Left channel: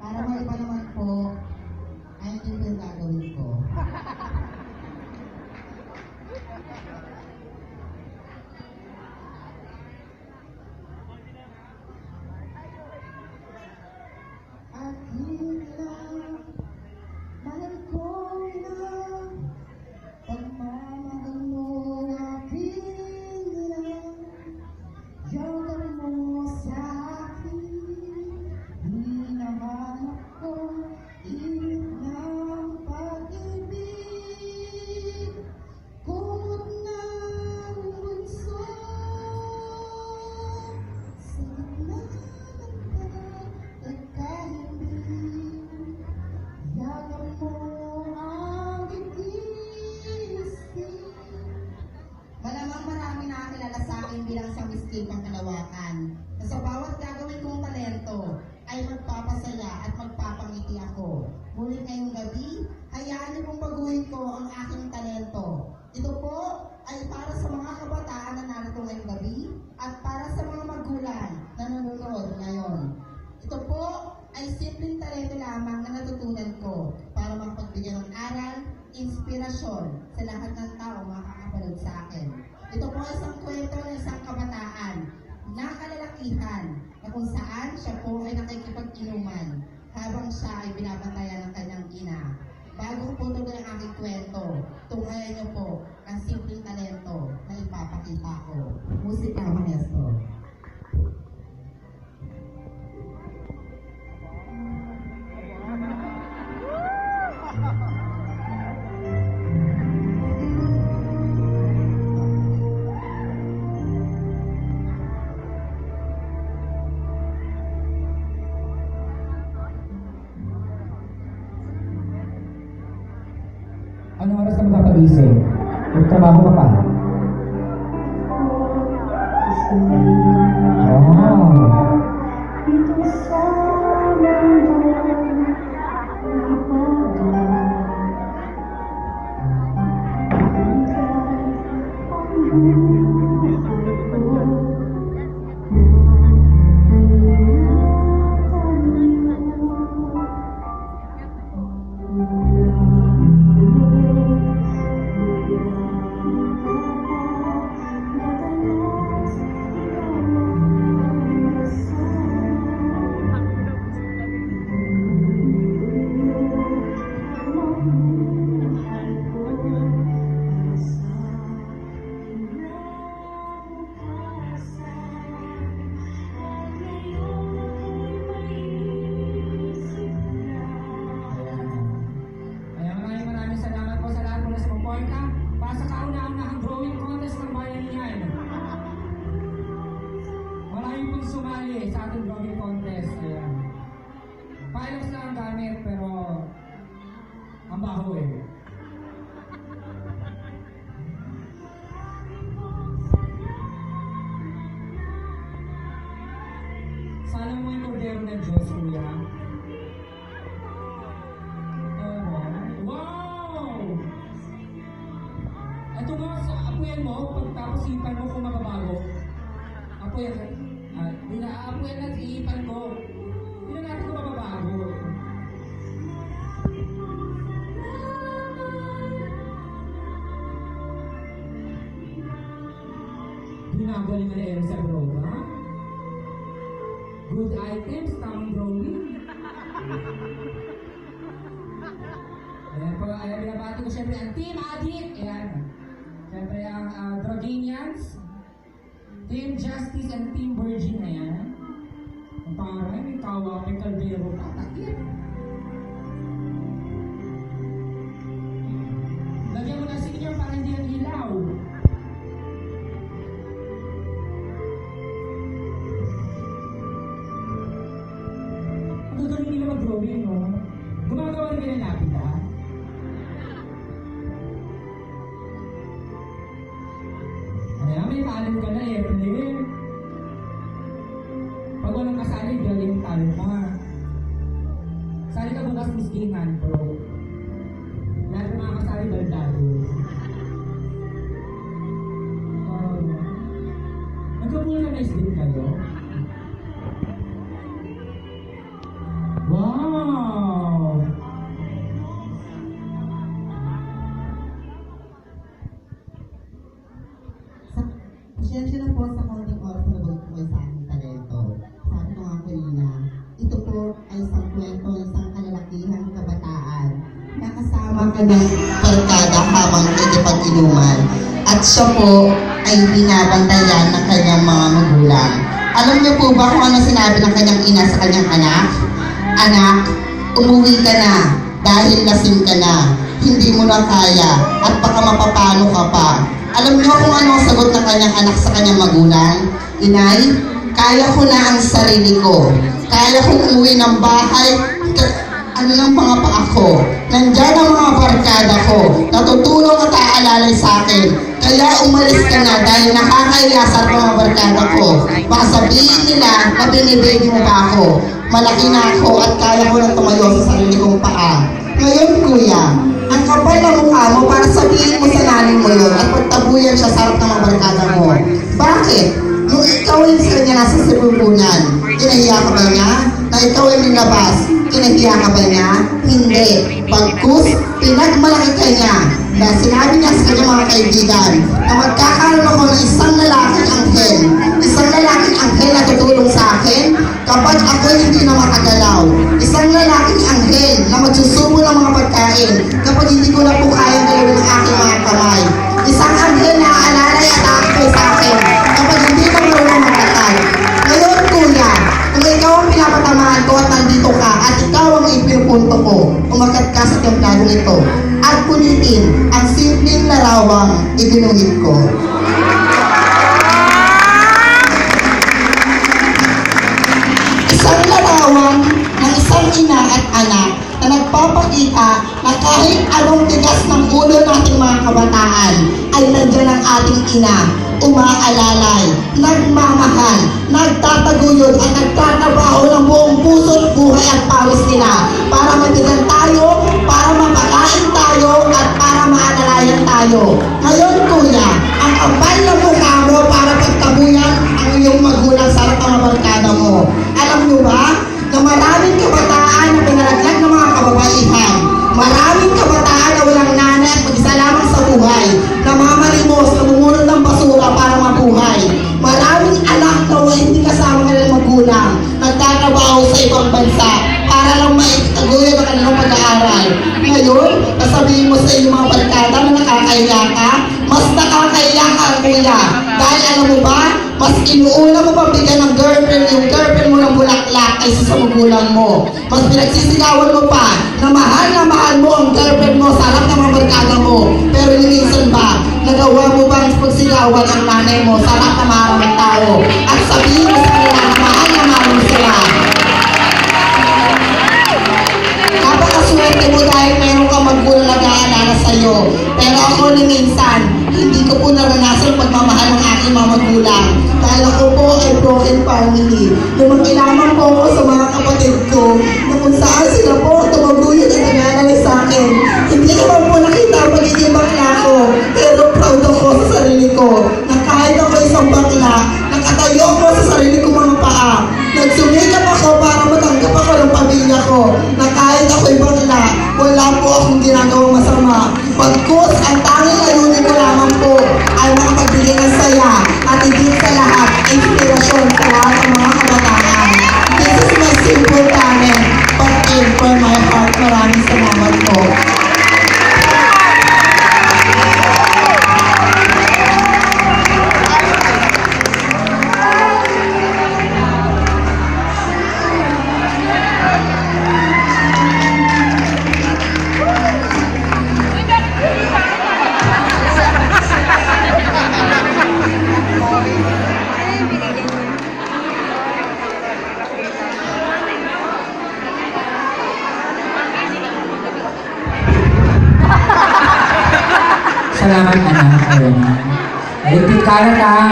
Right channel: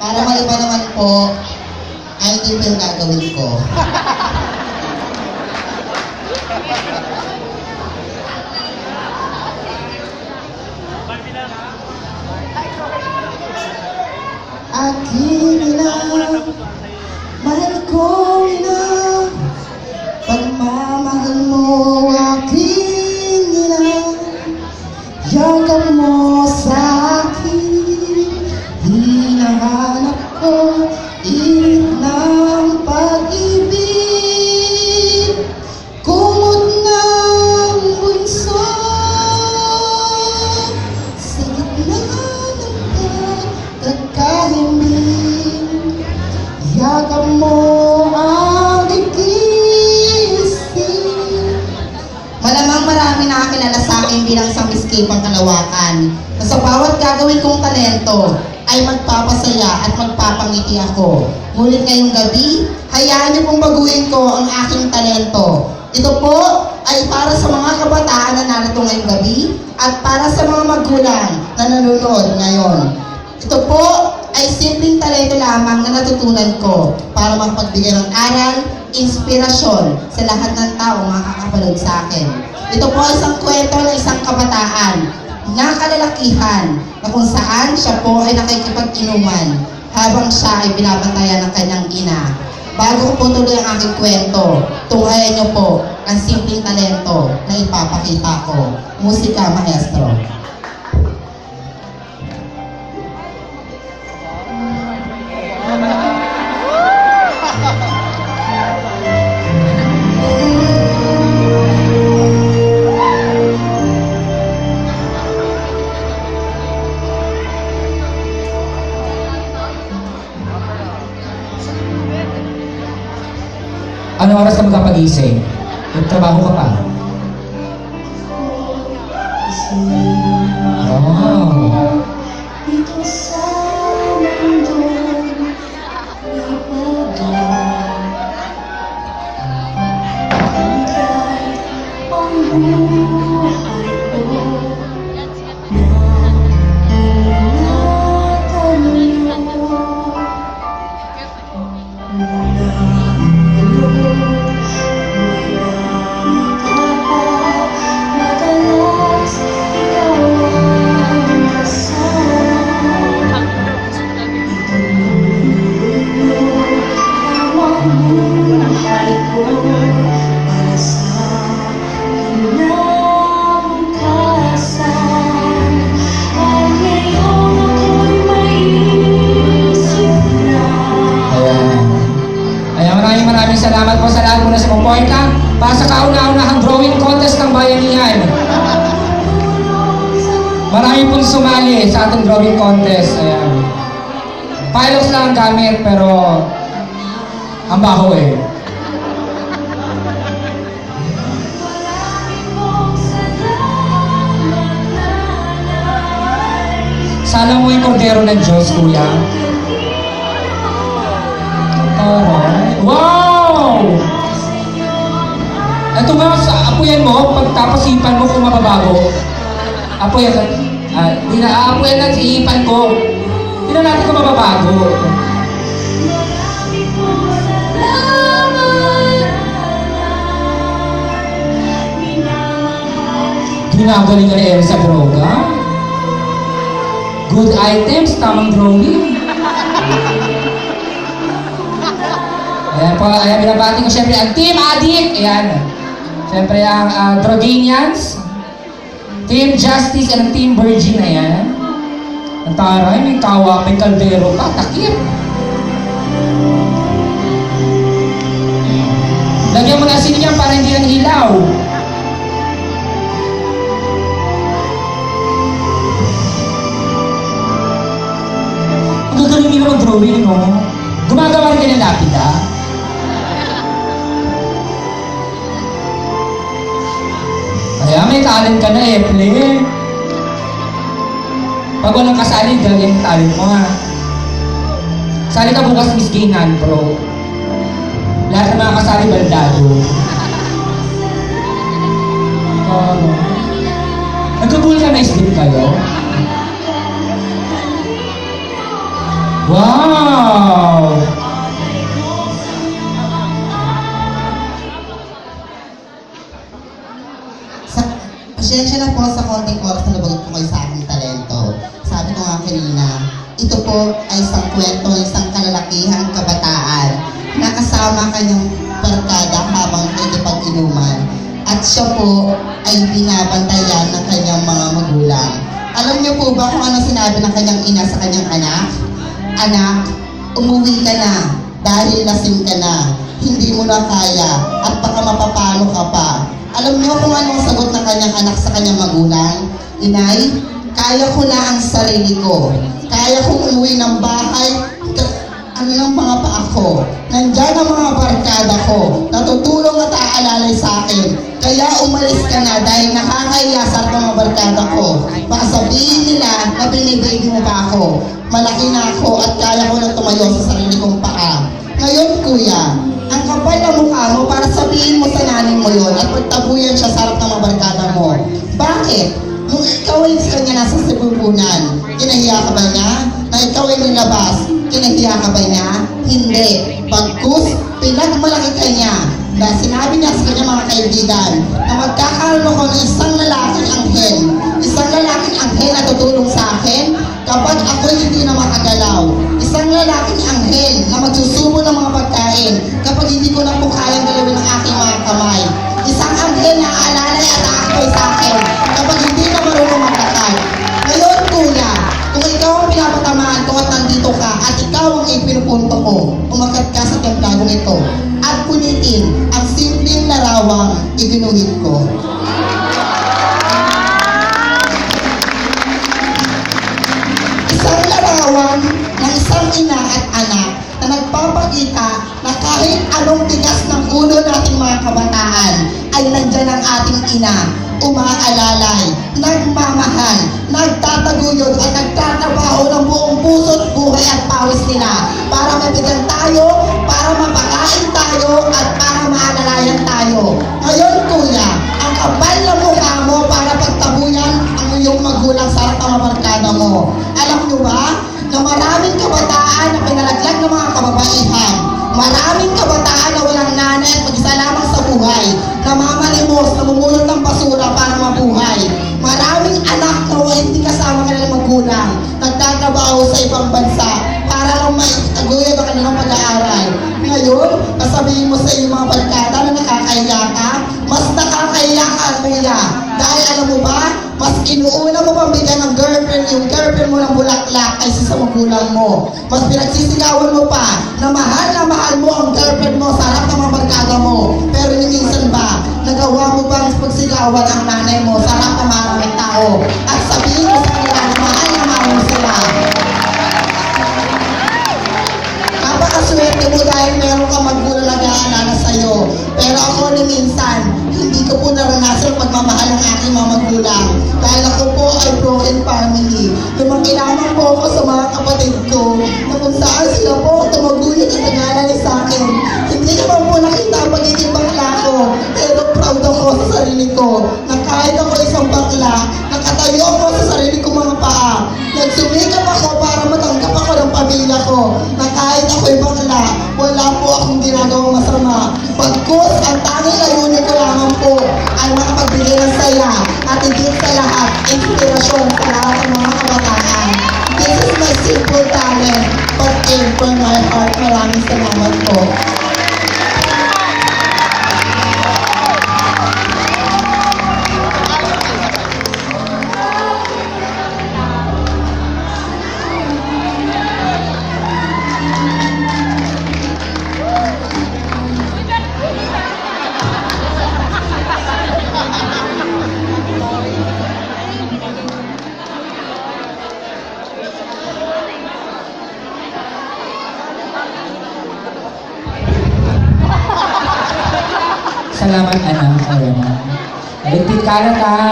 Para maiba naman po, ay hindi po yung gagawin ko. Aking ina, mahal ko ina, pagmamahal mo aking ina, yakap mo sa akin, hinahanap ko init ng pag-ibig, kumot ng bunso, sa gitna ng pagkakahimik, yakap mo ang igising. Malamang marami nakakilala sa akin bilang isang miskipang kalawakan na sa bawat gagawin kong talento ay magpapasaya at magpapangiti ako. Ngunit ngayong gabi, hayaan niyo pong baguhin ko ang aking talento. Ito po ay para sa mga kabataan na narito ngayong gabi at para sa mga magulang na nanonood ngayon. Ito po ay simpleng talento lamang na natutunan ko para mapagbigay ng aral, inspirasyon sa lahat ng tao makakapanood sa akin. Ito po ay isang kwento ng isang kabataan na kalalakihan na kung saan siya po ay nakikipag-inuman habang siya ay binabantayan ng kanyang ina. Bago ko po tuloy ang aking kwento, tunghayan niyo po ang simpleng talento na ipapakita ko. Musika, maestro. Anong oras ka magpapagising? Nagtrabaho ka pa? Wow! Dito sa mundo ang buhay ko Maraming salamat po sa lahat muna sa pumpointa para sa kauna-unahang drawing contest ng Bayanihan. Marami pong sumali sa ating drawing contest. Ayan. Pilox lang ang gamit pero ang baho eh. Sana mo yung kordero ng Diyos, kuya. Alright. Wow! Ito ba, apuyan mo, pagtapasipan mo kung mababago. Apuyan, aapuyan lang sa ipan ko. Tingnan natin kung mababago. Ginagaling ka ni Elsa Droga. Good items, tamang drawing. Ayan po, ayan, binabati ko siyempre ang Team Addict. Ayan. Siyempre ang Droganians, Team Justice, and Team Virgin. Ayan. Ang taray, may kawa, may kaldero pa, takip. Lagyan mo na asin niyan para hindi lang ilaw. Ang gagaling nila ng drawing, no? Gumagawa rin ka ng lapida. Kaya may talent ka na eh, play. Pag walang kasali, galing yung talent mo ha. Sali ka bukas Miss Ginan, bro. Lahat ng mga kasali, baldado. Nag-vulcanize din kayo? Wow! Pasensya na po sa konting oras na nabagot ko kayo sa aking talento. Sabi ko nga kanina, ito po ay isang kwento, isang kalalakihang kabataan na kasama kanyang barkada habang nagkikipag-inuman. At siya po ay binabantayan ng kanyang mga magulang. Alam niyo po ba kung ano sinabi ng kanyang ina sa kanyang anak? Anak, umuwi ka na dahil lasing ka na. Hindi mo na kaya at baka mapapalo ka pa. Alam niyo kung ano ang sagot ng kanyang anak sa kanyang magulang? Inay, kaya ko na ang sarili ko. Kaya kong umuwi ng bahay. Ano ng mga paa ko? Nandyan ang mga barkada ko. Natutulong at aalalay sa akin. Kaya umalis ka na dahil nakakahiya sa mga barkada ko. Baka sabihin nila na binibigay mo pa ako. Malaki na ako at kaya ko na tumayo sa sarili kong paa. Ngayon, kuya, ang kapal na mukha mo para sabihin mo sa nanay mo yun at pagtabuyan siya sa harap ng mga barkada mo. Bakit? Nung ikaw ay sa kanya nasa sibubunan, kinahiya ka ba niya? Na ikaw ay nilabas, kinahiya ka ba niya? Hindi. Pagkus, pinagmalaki ka niya. Dahil sinabi niya sa kanya mga kaibigan na magkakaroon ako ng isang lalaking anghel. Isang lalaking anghel na tutulong sa akin kapag ako hindi na makagalaw. Isang lalaking anghel na magsusubo ng mga pagkain kapag hindi ko na po kayang galawin ang aking mga kamay. Isang anghel na aalalay at aakoy sa akin kapag hindi na marunong maglatay. Ngayon, kuya, kung ikaw ang pinapatamaan ko at nandito ka at ikaw ang ipinupunto ko, umagat ka sa templado nito at punitin ang simpleng larawang ibinuhit ko. Isang larawan ng isang ina at anak na nagpapakita na kahit anong tigas ng ulo nating mga kabataan ay nandyan ang ating ina, umaalalay, nagmamahal, nagtataguyod at nagtatrabaho ng buong puso't buhay at pawis nila para matigan tayo, para mapakain tayo at para maalalayan tayo. Ngayon, kuya, ang kapal na mukha mo para pagtabuyan ang iyong magulang sa harap ng mga barkada mo. Alam niyo ba na maraming kabataan na pinalaglag ng mga kababaihan, maraming kabataan na walang nanay at mag-isa lamang sa buhay, namamalimos, namumulot ng basura para mabuhay. Maraming anak na hindi kasama kanilang magulang, nagtatrabaho sa ibang bansa para lang maitaguyod ang kanilang pag-aaral. Ngayon, sasabihin mo sa iyong mga barkada na nakakahiya ka, mas nakakahiya ka, kuya. Dahil alam mo ba, mas inuuna mo pabigyan ng girlfriend yung girlfriend mo ng bulaklak kaysa sa magulang mo. Mas pinagsisigawan mo pa na mahal mo ang girlfriend mo sa harap ng mga barkada mo. Pero minsan ba, nagawa mo ba ang pagsigawan ang nanay mo sa harap ng maraming tao? At sabihin mo sa kanila na mahal mo sila. Napakaswerte mo dahil meron kang magulang na nag-aalala sa'yo. Pero ako ni minsan, hindi ko po naranasan pagmamahal ng aking mga magulang. Dahil ako po ay broken family. Lumaki lamang po ako sa mga kapatid ko na kung saan sila po tumaguyod at nag-aalala sa akin. Hindi naman po nakita ang pagiging bakla ko. Pero proud ako sa sarili ko na kahit ako isang bakla, nakatayo ako sa sarili kong mga paa. Nagsumikap ako para matanggap ako ng pamilya ko na kahit ako'y bakla, wala po akong ginagawang masama. Pagkus, ang tanging layunin ko lamang po ay makapagbigay ng saya at higit sa lahat, inspirasyon sa lahat ng mga kabataan. This is my simple talent, but aim for my heart. Maraming salamat po. Salamat, anak. Ayun. Ligpit ka na.